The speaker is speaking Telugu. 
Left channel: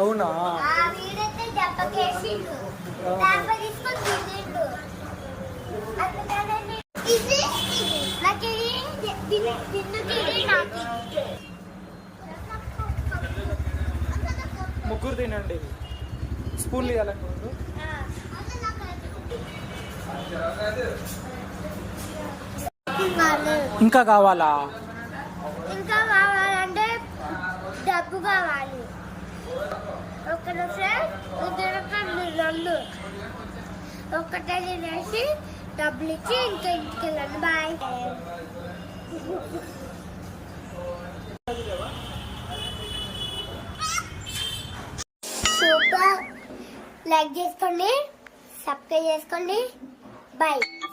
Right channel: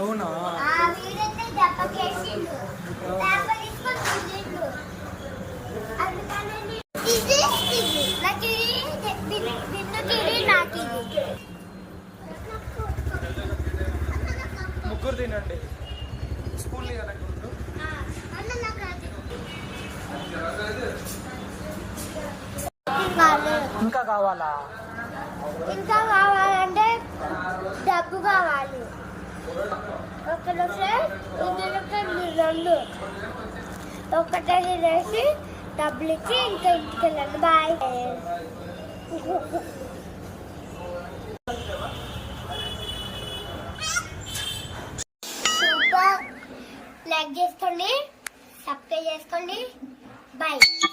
అవునా? ముగ్గురు తినండి. స్పూన్లు ఇవ్వాలనుకుంటు. ఇంకా కావాలా? ఇంకా కావాలంటే డబ్బు కావాలి. ఒకటి రెండు ఒకటే తినేసి డబ్బులు ఇచ్చి ఇంకా ఇంటికెళ్ళండి. బాయ్. సూపర్. లైక్ చేసుకోండి, సబ్స్క్రైబ్ చేసుకోండి. బాయ్.